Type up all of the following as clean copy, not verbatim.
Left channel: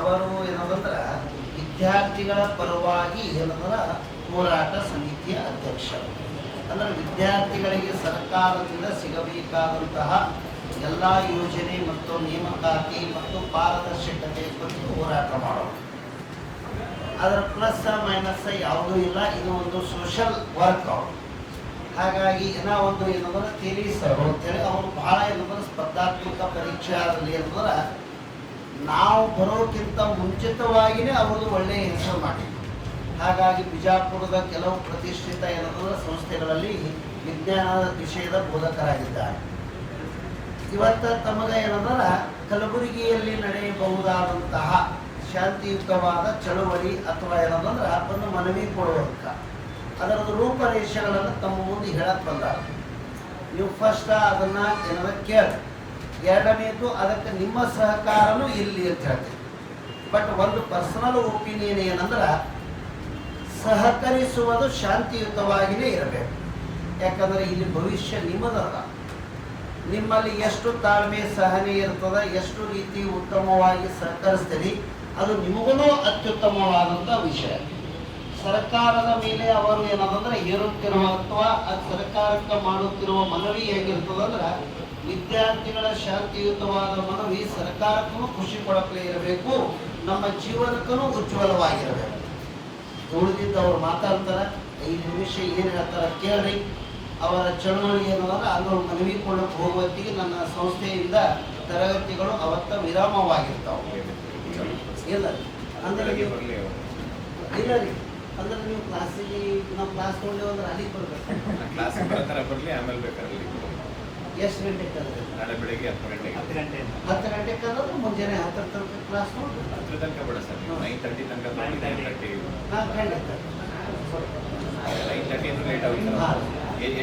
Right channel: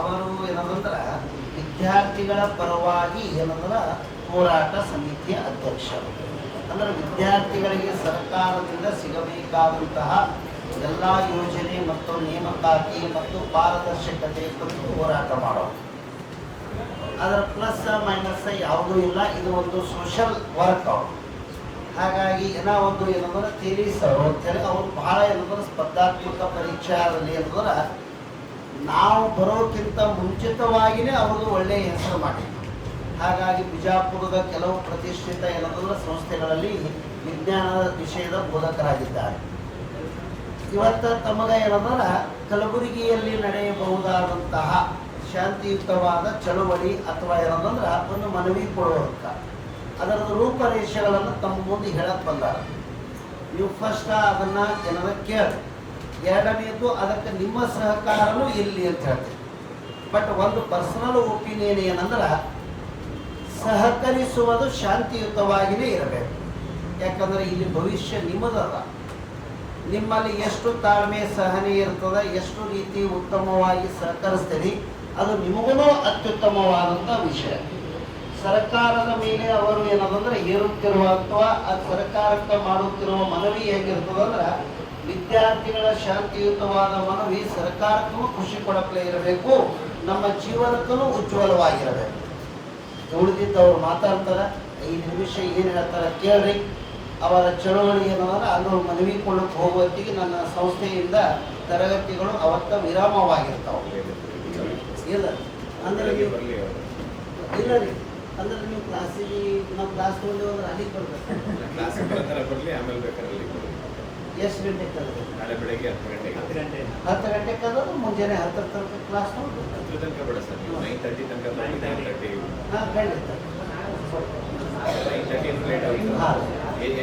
ಅವರು ಏನಂದ್ರೆ ವಿದ್ಯಾರ್ಥಿಗಳ ಪರವಾಗಿ ಏನಂದ್ರೆ ಹೋರಾಟ ಸಮಿತಿಯ ಅಧ್ಯಕ್ಷರು. ಅಂದರೆ ವಿದ್ಯಾರ್ಥಿಗಳಿಗೆ ಸರ್ಕಾರದಿಂದ ಸಿಗಬೇಕಾದಂತಹ ಎಲ್ಲ ಯೋಜನೆ ಮತ್ತು ನೇಮಕಾತಿ ಮತ್ತು ಪಾರದರ್ಶಕತೆ ಕುರಿತು ಹೋರಾಟ ಮಾಡೋದು. ಅದರ ಪ್ಲಸ್ ಮೈನಸ್ ಯಾವುದೂ ಇಲ್ಲ. ಇದು ಒಂದು ಸೋಷಲ್ ವರ್ಕ್ ಅವರು. ಹಾಗಾಗಿ ಏನೋ ಒಂದು ಏನಂದ್ರೆ ತಿಳಿಸರು ಅಂತೇಳಿ ಅವರು ಬಹಳ ಏನಂದ್ರೆ ಸ್ಪರ್ಧಾತ್ಮಕ ಪರೀಕ್ಷೆಯಲ್ಲಿ ಏನಂದ್ರೆ ನಾವು ಬರೋಕ್ಕಿಂತ ಮುಂಚಿತವಾಗಿಯೇ ಅವರು ಒಳ್ಳೆಯ ಹೆಸರು ಮಾಡಿದ್ರು. ಹಾಗಾಗಿ ಬಿಜಾಪುರದ ಕೆಲವು ಪ್ರತಿಷ್ಠಿತ ಏನಂದ್ರೆ ಸಂಸ್ಥೆಗಳಲ್ಲಿ ವಿಜ್ಞಾನದ ವಿಷಯದ ಬೋಧಕರಾಗಿದ್ದಾರೆ. ಇವತ್ತು ತಮಗೆ ಏನಂದ್ರೆ ಕಲಬುರಗಿಯಲ್ಲಿ ನಡೆಯಬಹುದಾದಂತಹ ಶಾಂತಿಯುತವಾದ ಚಳುವಳಿ ಅಥವಾ ಏನಂದ್ರೆ ಅದನ್ನು ಮನವಿ ಕೊಡುವಂಥ ಅದರ ರೂಪರೇಷೆಗಳನ್ನು ತಮ್ಮ ಮುಂದೆ ಹೇಳಕ್ಕೆ ಬಂದಾರ. ನೀವು ಫಸ್ಟ್ ಅದನ್ನು ಏನಾದ್ರು ಕೇಳಿ, ಎರಡನೇದು ಅದಕ್ಕೆ ನಿಮ್ಮ ಸಹಕಾರನೂ ಇಲ್ಲಿ ಅಂತ ಹೇಳ್ತೀವಿ. ಬಟ್ ಒಂದು ಪರ್ಸನಲ್ ಒಪಿನಿಯನ್ ಏನಂದ್ರೆ ಸಹಕರಿಸುವುದು ಶಾಂತಿಯುತವಾಗಿಯೇ ಇರಬೇಕು. ಯಾಕಂದರೆ ಇಲ್ಲಿ ಭವಿಷ್ಯ ನಿಮ್ಮದಲ್ಲ. ನಿಮ್ಮಲ್ಲಿ ಎಷ್ಟು ತಾಳ್ಮೆ ಸಹನೆ ಇರ್ತದೆ, ಎಷ್ಟು ರೀತಿ ಉತ್ತಮವಾಗಿ ಸಹಕರಿಸ್ತೀರಿ, ಅದು ನಿಮಗೂ ಅತ್ಯುತ್ತಮವಾದಂಥ ವಿಷಯ. ಸರ್ಕಾರದ ಮೇಲೆ ಅವರು ಏನಂದ್ರೆ ಏರುತ್ತಿರುವ ಅಥವಾ ಸರ್ಕಾರಕ್ಕೆ ಮಾಡುತ್ತಿರುವ ಮನವಿ ಹೇಗಿರ್ತದಂದ್ರೆ ವಿದ್ಯಾರ್ಥಿಗಳ ಶಾಂತಿಯುತವಾದ ಮನವಿ ಸರ್ಕಾರಕ್ಕೂ ಖುಷಿ ಕೊಡಪ್ಲೇ ಇರಬೇಕು, ನಮ್ಮ ಜೀವನಕ್ಕೂ ಉಜ್ವಲವಾಗಿರಬೇಕು. ಉಳಿದಿದ್ದು ಅವ್ರು ಮಾತಾಡ್ತಾರೆ, 5 ನಿಮಿಷ ಏನು ಹೇಳ್ತಾರೆ ಕೇಳ್ರಿ. ಅವರ ಚಳುವಳಿ ಏನಂದ್ರೆ ಅವರು ಮನವಿ ಕೊಡಕ್ಕೆ ಹೋಗುವತ್ತಿಗೆ ನನ್ನ ಸಂಸ್ಥೆಯಿಂದ ತರಗತಿಗಳು ಅವತ್ತ ವಿರಾಮವಾಗಿರ್ತಾವೆ. ಇಲ್ಲ ಅಂದ್ರೆ ನೀವು ಇಲ್ಲ ರೀ, ಅಂದ್ರೆ ನೀವು ಕ್ಲಾಸಿಗೆ ನಮ್ಮ ಕ್ಲಾಸ್ ತೊಗೊಂಡು ಅಂದ್ರೆ ಅಲ್ಲಿಗೆ ಬರ್ಬೇಕು. ಎಷ್ಟು ಗಂಟೆಗೆ ನಾಳೆ ಬೆಳಗ್ಗೆ 10 ಗಂಟೆಗೆ 10 ಗಂಟೆಗೆ ಅಂದ್ರೆ ಮುಂಜಾನೆ 10 ತನಕ ಕ್ಲಾಸ್ ನೋಡಿ 10 ತನಕ ಬೇಡ ಸರ್, 9:30 ತನಕ 9:30 ಹಾಂ ಖಂಡಿತ 9:30 ಲೇಟ್ ಆಗುತ್ತೆ. ಹಾಂ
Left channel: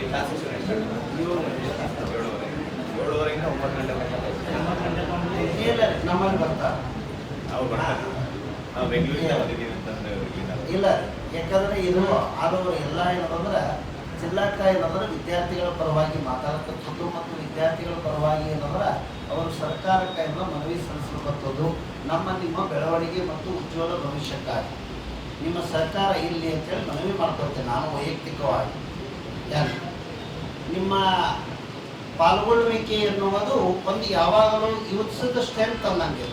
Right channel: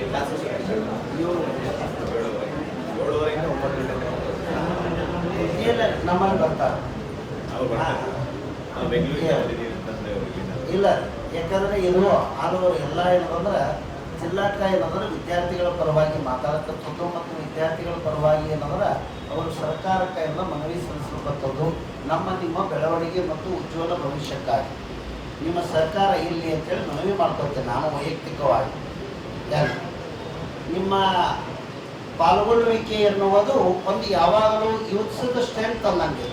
ಕ್ಲಾಸ್ 7:30 7:30 9 ಗಂಟೆ ಇಲ್ಲ ನಮ್ಮಲ್ಲಿ ಬರ್ತಾರೆ. ನಾವು ಬರ್ತಾರೆ, ನಾವು ಬೆಂಗಳೂರಿಗೆ ಇಲ್ಲ ಯಾಕಂದ್ರೆ ಇದು ಅದು ಎಲ್ಲ ಏನಂದ್ರೆ ಜಿಲ್ಲಾಕ ಏನಂದ್ರೆ ವಿದ್ಯಾರ್ಥಿಗಳ ಪರವಾಗಿ ಮಾತಾಡತಕ್ಕದ್ದು ಮತ್ತು ವಿದ್ಯಾರ್ಥಿಗಳ ಪರವಾಗಿ ಏನಂದ್ರೆ ಅವರು ಸರ್ಕಾರಕ್ಕೆ ಮನವಿ ಸಲ್ಲಿಸತಕ್ಕದ್ದು ನಮ್ಮ ನಿಮ್ಮ ಬೆಳವಣಿಗೆ ಮತ್ತು ಉಜ್ವಲ ಭವಿಷ್ಯಕ್ಕಾಗಿ ನಿಮ್ಮ ಸರ್ಕಾರ ಇಲ್ಲಿ ಅಂತೇಳಿ ಮನವಿ ಮಾಡ್ಕೊಳ್ತೇನೆ ನಾನು ವೈಯಕ್ತಿಕವಾಗಿ. ನಿಮ್ಮ ಪಾಲ್ಗೊಳ್ಳುವಿಕೆ ಎನ್ನುವುದು ಒಂದು ಯಾವಾಗಲೂ ಯೂತ್ಸದ ಸ್ಟ್ರೆಂತ್ ಅನ್ನಂಗೆ.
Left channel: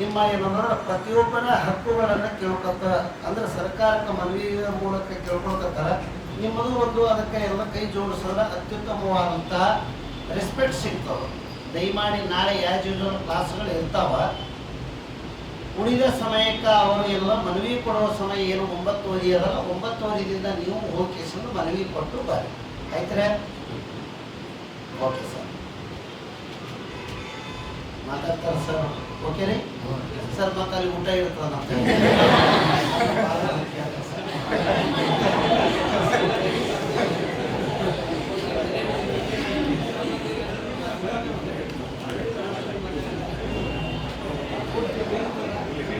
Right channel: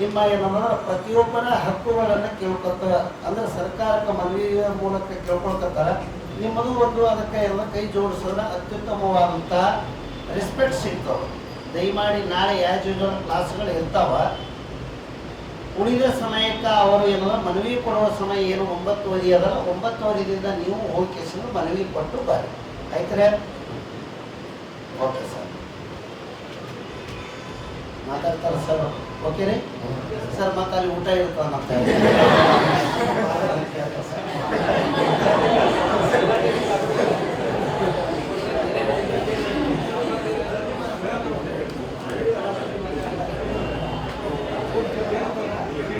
ನಿಮ್ಮ ಏನಂದ್ರೆ ಪ್ರತಿಯೊಬ್ಬರ ಹಕ್ಕುಗಳನ್ನು ಕೇಳ್ಕೊತ ಅಂದ್ರೆ ಸರ್ಕಾರಕ್ಕೆ ಮನವಿಯ ಮೂಲಕ ಕೇಳ್ಕೊಳ್ತಾರೆ. ನಿಮ್ಮದು ಒಂದು ಅದಕ್ಕೆ ಎಲ್ಲ ಕೈ ಜೋಡಿಸಿದ್ರೆ ಅತ್ಯುತ್ತಮವಾದಂತಹ ರೆಸ್ಪೆಕ್ಟ್ ಸಿಗ್ತವೆ. ದಯಮಾಡಿ ನಾಳೆ ಯೂಶುವಲ್ ಕ್ಲಾಸ್ಗಳು ಇರ್ತಾವ. ಉಳಿದ ಸಮಯಕ್ಕೆ ಅವರು ಏನೋ ಮನವಿ ಕೊಡುವ ಸಮಯ ಏನು 9:30 ಅದಲ್ಲ, 9:30ದಿಂದ ನೀವು ಹೋಗಿ ಮನವಿ ಕೊಟ್ಟು ಬರ್ರಿ. ಆಯ್ತರೆ? ಓಕೆ ಸರ್, ಮಾತಾಡ್ತಾರೆ ಸರ್. ಓಕೆ ರೀ ಸರ್, ಮತ್ತೆ ಅಲ್ಲಿ ಊಟ ಇರ್ತಾವ ಅಂತ